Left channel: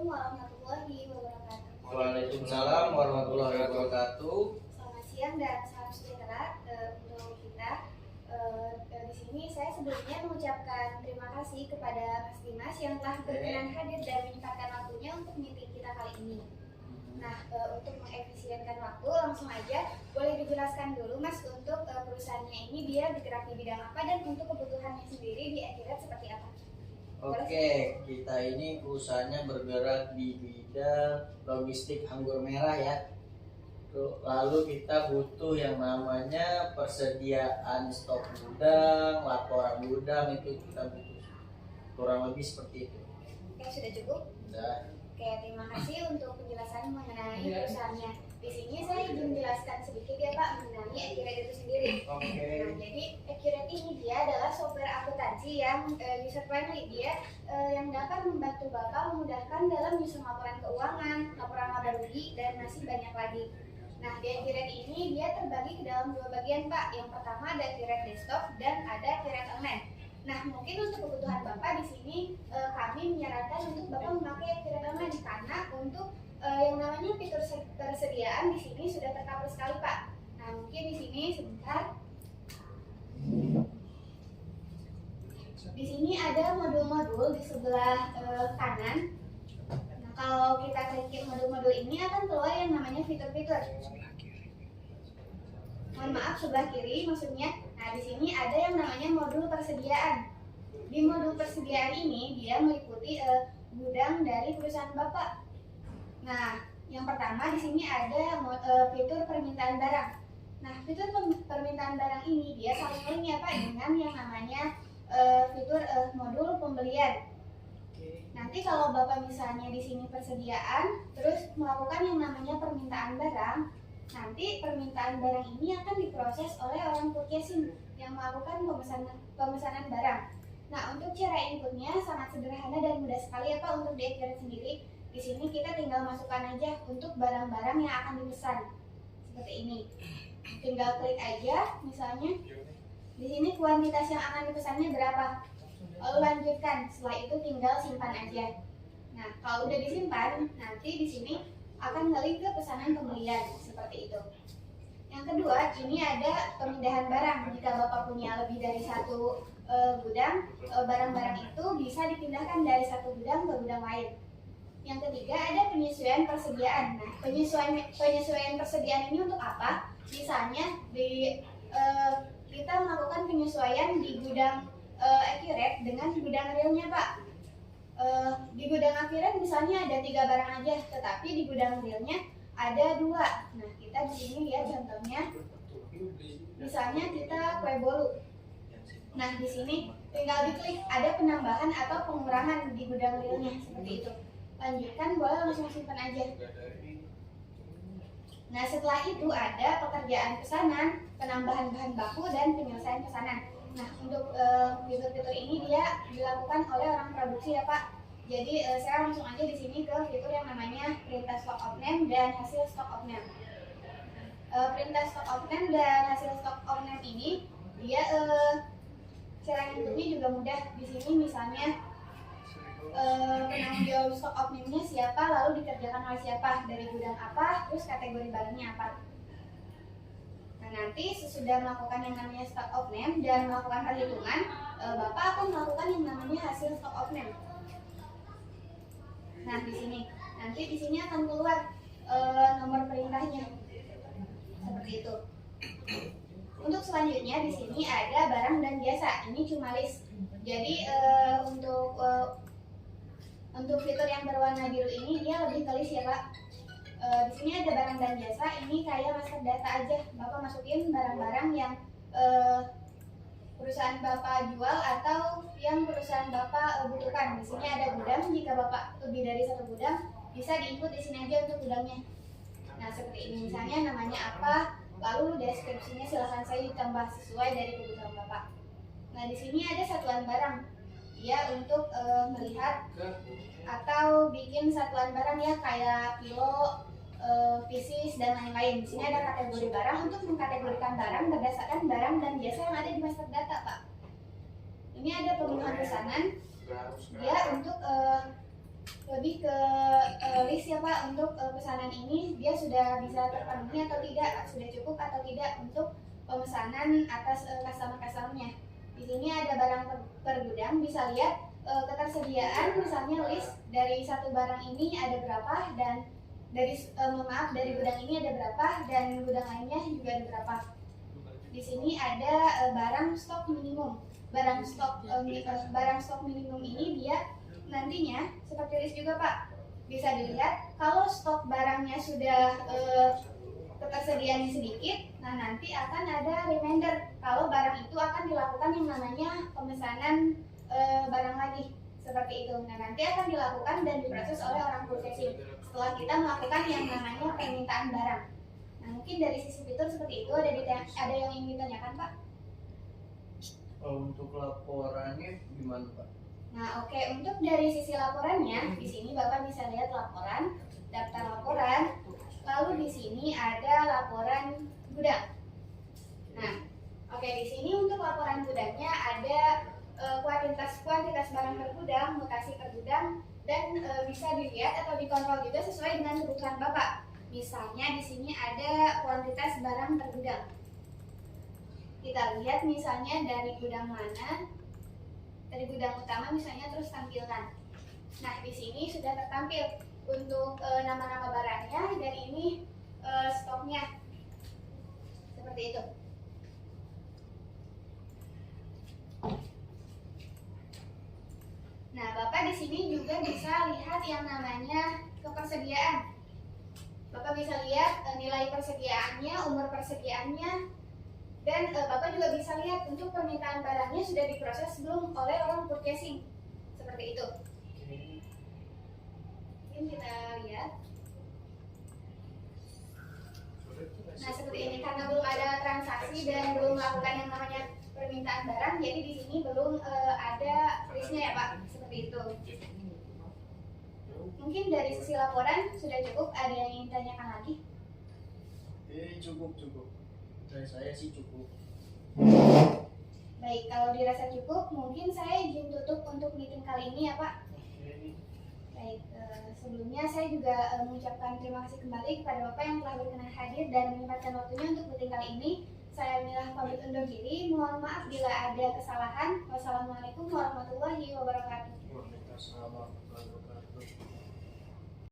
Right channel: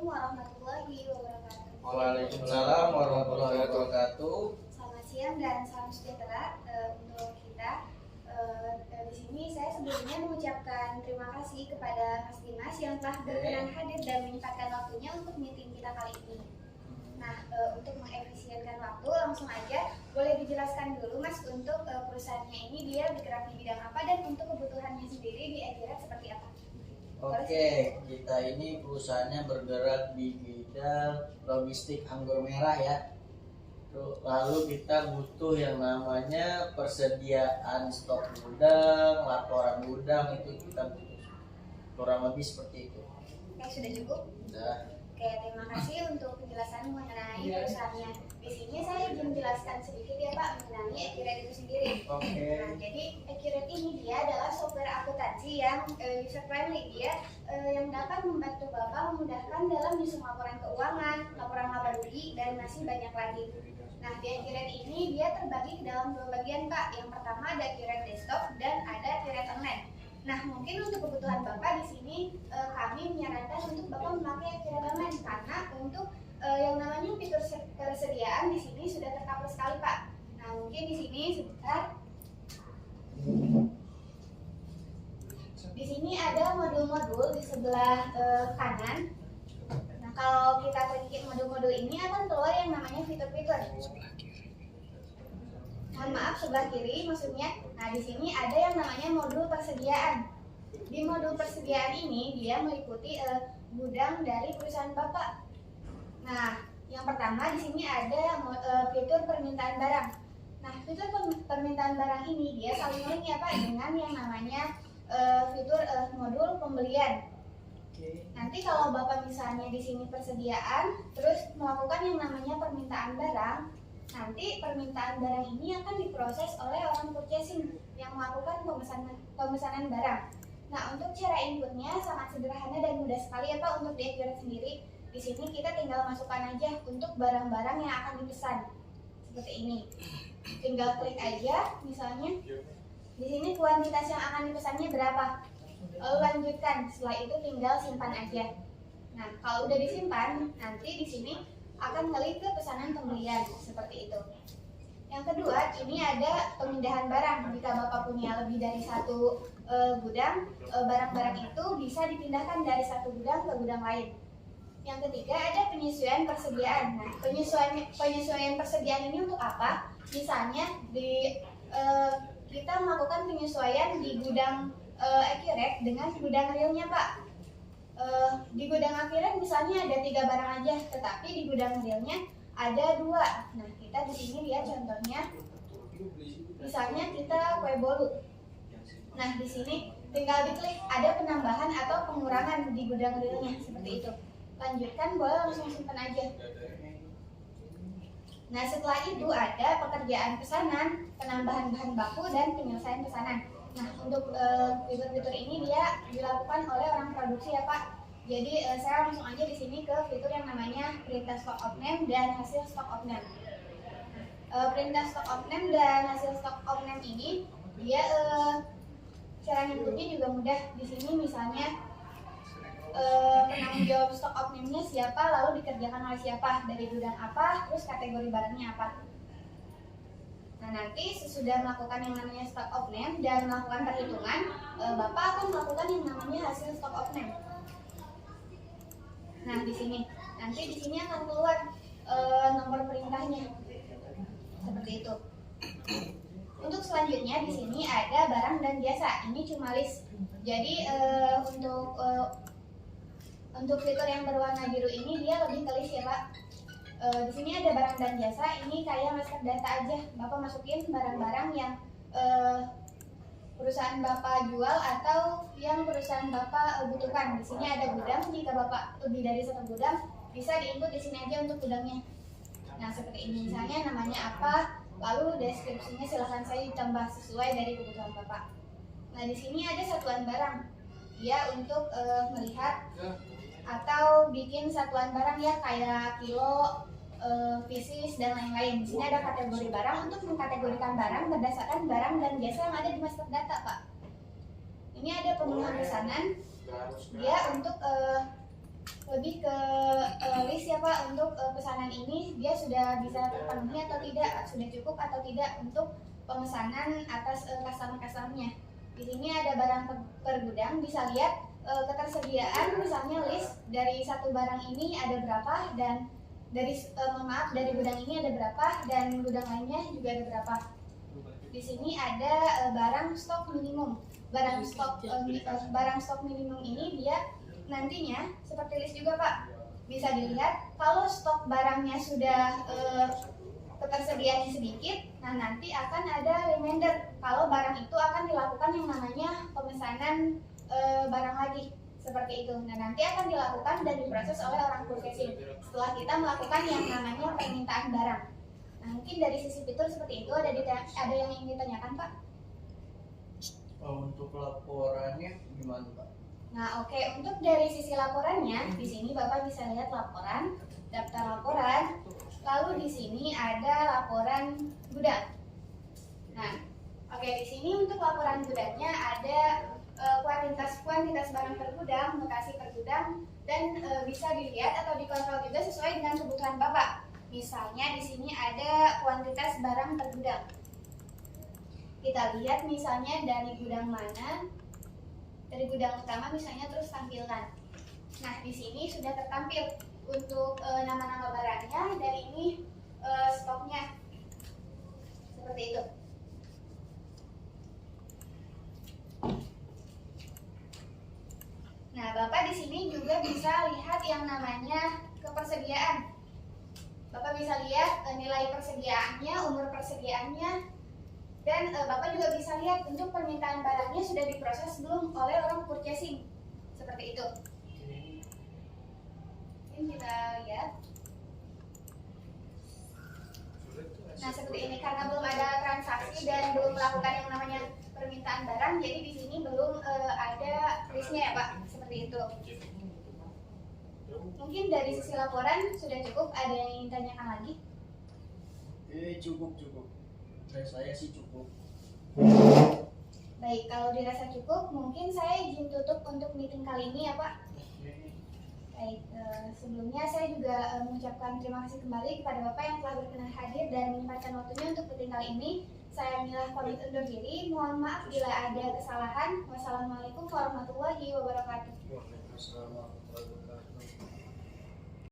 Assalamualaikum warahmatullahi wabarakatuh. Waalaikumsalam warahmatullahi wabarakatuh. Selamat siang dan salam sejahtera untuk kita. Di sini saya sebelumnya mengucapkan terima kasih kepada Mas Dimas yang telah berkenan hadir dan menyempatkan waktunya untuk meeting kita kali ini. Nah, untuk mengefisienkan waktu, langsung aja boleh dijelaskan dulu Mas untuk perusahaannya ini dia bergerak di bidang apa dan untuk kebutuhannya sendiri di Akirat seperti apa? Oke, kita ini perusahaannya bergerak di bidang logistik anggur merah ya. Lalu kita butuh yang namanya persediaan stok gudang, laporan gudang, itu kita butuh kurang lebih seperti itu. Oke, sudah cukup? Sudah. Oke, terima kasih untuk penjelasan mengenai perusahaannya. Di sini saya ingin menjelaskan sedikit ya Pak mengenai Akirat itu sendiri. Oke. Nah, jadi Akirat ini dia adalah software akuntansi yang user friendly, dia yang dapat membantu Bapak memudahkan dalam menyusun laporan keuangan, laporan laba rugi, dan masih banyak lagi. Nah, di Akirat ini dia terbagi ke dalam dua bagian Pak. Yang pertama ada Akirat desktop dan ada Akirat online. Nah, mungkin untuk kebutuhan Bapak di sini kami menyarankan untuk Bapak memakai Akirat online karena untuk yang namanya fitur persediaan di sini sudah tercover sekali Pak. Nah, mungkin di sini sebentar. Di sini ada modul-modul di sebelah kanan. Nah, kalau kita klik modul-modul ini akan keluar yang namanya fitur-fitur. Mohon maaf, sebelah kiri maksudnya. Nah, di sini ada yang namanya modul persediaan. Di modul persediaan ini dia meliputi gudang dari perusahaan Bapak. Nah, yang pertama di sini ada fitur permintaan barang. Nah, fitur permintaan barang ini dia saling link ya Pak dengan yang namanya fitur modul pembelian. Nanti kalau Bapak misalnya di sini persediaan, terus melakukan yang namanya permintaan barang, nanti permintaan barang ini akan diproses oleh orang purchasing yang melakukan pemesanan barang. Nah, untuk cara inputnya sangat sederhana dan mudah sekali ya Pak untuk di Akirat sendiri. Di sini kita tinggal masukkan aja untuk barang-barang yang akan dipesan. Seperti ini. Tinggal klik aja misalnya. Di sini kuantitas yang akan dipesannya berapa? Lalu lanjutkan. Setelah itu tinggal simpan aja. Nah, kalau udah disimpan, nanti di sini akan ngelik ke pesanan pembelian seperti itu. Yang kedua, ini ada pemindahan barang. Jika Bapak punya lebih dari satu gudang, barang-barang itu bisa dipindahkan dari satu gudang ke gudang lain. Yang ketiga, ada penyesuaian persediaan. Nah, penyesuaian persediaan ini untuk apa? Misalnya kita melakukan penyesuaian di gudang Akirat dengan gudang realnya Pak. Di gudang Akirat misalnya ada 3 barang aja, tetapi di gudang realnya ada 2. Nah, kita di sini lihat contohnya. Misalnya kita kue bolu. Nah, di sini tinggal diklik ada penambahan atau pengurangan di gudang realnya seperti itu. Lanjutkan, boleh langsung simpan aja. Nah, setelah itu ada pekerjaan pesanan, penambahan bahan baku, dan penyelesaian pesanan. Nah, untuk fitur-fitur ini dia dilakukan oleh orang produksi ya Pak. Jadi saya langsung aja di sini ke fitur yang namanya perintah stock of name dan hasil stock of name. Perintah stock of name dan hasil stock of name ini dia cara inputnya juga mudah. Di sini misalnya penanggung jawab stock of name-nya siapa, lalu dikerjakan oleh siapa, dari gudang apa, terus kategori barangnya apa. Nah, nanti sesudah melakukan yang namanya stock of name dan melakukan perhitungan, Bapak akan melakukan yang namanya hasil stock of name. Nah, di sini nanti di sini akan keluar nomor perintahnya seperti itu. Untuk selanjutnya di sini ada barang dan jasa. Ini cuma list. Jadi untuk fitur yang berwarna biru ini dia lebih ke list ya Pak. Di sini ada barang dan jasa. Ini kayak master data aja. Bapak masukin barang-barang yang perusahaan Bapak jual atau yang perusahaan Bapak butuhkan. Di sini ada gudang. Jika Bapak lebih dari 1 gudang, bisa diinput di sini aja untuk gudangnya. Nah, seperti ini misalnya namanya apa, lalu deskripsinya silahkan saya ditambah sesuai dari kebutuhan Bapak. Nah, di sini ada satuan barang. Ya, untuk melihat atau bikin satuan barang ya kayak kilo, pieces dan lain-lain. Di sini ada kategori barang untuk mengkategorikan barang berdasarkan barang dan jasa yang ada di master data, Pak. Ini ada pemenuhan pesanan. Dia untuk lebih ke list ya Pak, untuk pesanan ini dia sudah bisa terpenuhi atau tidak, sudah cukup atau tidak untuk pemesanan atas customer-customernya. Di sini ada barang per gudang, bisa lihat ketersediaan, misalnya list dari satu barang ini ada berapa, dan dari dari gudang ini ada berapa, dan gudang lainnya juga ada berapa. Di sini ada barang stok minimum. Barang stok minimum ini dia nantinya seperti list juga Pak, bisa dilihat kalau stok barangnya sudah ketersediaannya sedikit, nah nanti akan ada reminder kalau barang itu akan dilakukan yang namanya pemesanan barang lagi, seperti itu. Nah nanti akan dilakukan dan diproses oleh orang purchasing setelah kita melakukan yang namanya permintaan barang. Nah mungkin dari sisi fitur seperti itu, ada yang ingin ditanyakan Pak? Untuk laporannya gimana Pak? Nah, oke. Untuk dari sisi laporannya, di sini Bapak bisa lihat laporan, daftar laporan, lalu di sini ada laporan gudang. Nah, oke, di sini untuk laporan gudangnya ada kuantitas barang per gudang, lokasi per gudang, dan bisa dilihat atau dikontrol juga sesuai dengan kebutuhan Bapak. Misalnya di sini ada kuantitas barang per gudang. Kita lihat misalnya dari gudang mana. Dari gudang utama misalnya, terus tampilkan. Nah di sini sudah tertampil untuk nama-nama barangnya, dan ini stoknya seperti itu. Nah Bapak di sini juga bisa lihat yang namanya kepersediaan. Bapak bisa lihat nilai persediaannya, umur persediaannya. Dan Bapak juga bisa lihat untuk permintaan barangnya sudah diproses belum oleh orang purchasing, seperti itu. Ini kita lihat. Nah seperti ini, karena belum ada transaksi dan belum melakukan yang namanya permintaan barang, jadi di sini belum ada listnya ya Pak, seperti itu. Mungkin dari sisi laporan sudah cukup. Ada yang ingin tanyakan lagi? Cukup. Dari saya sih cukup. Baik, kalau dirasa cukup, mungkin saya izin tutup untuk meeting kali ini ya Pak. Baik, sebelumnya saya juga mengucapkan terima kasih kembali kepada Bapak yang telah berkenan hadir dan menyempatkan waktunya untuk meeting kali ini. Saya Milah pamit undur diri. Mohon maaf bila ada kesalahan. Wassalamualaikum warahmatullahi wabarakatuh. Waalaikumsalam warahmatullahi wabarakatuh.